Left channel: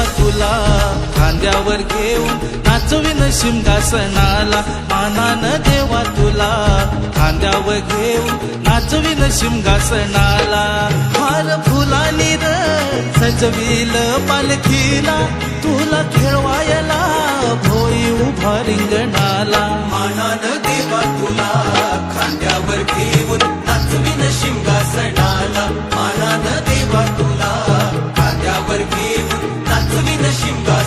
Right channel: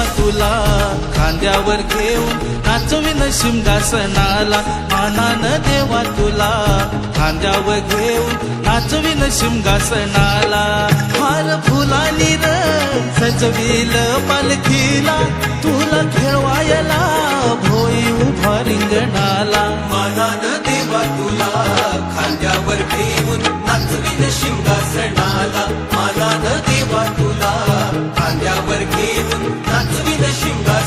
देवा तुला खांद्यावर घेऊन नाचविन शिमगासनाला मानानं देवा तुला खांद्यावर घेऊन नाचविन शिमगासनाला हार फुलानी र सजविल पालखीला तुला खेळवायला भोई उभा रिंगणाला मानानं देवा तुला खांद्यावर घेऊन नाचविन शिंगासनाला मानानं देवा तुला खांद्यावर घेऊन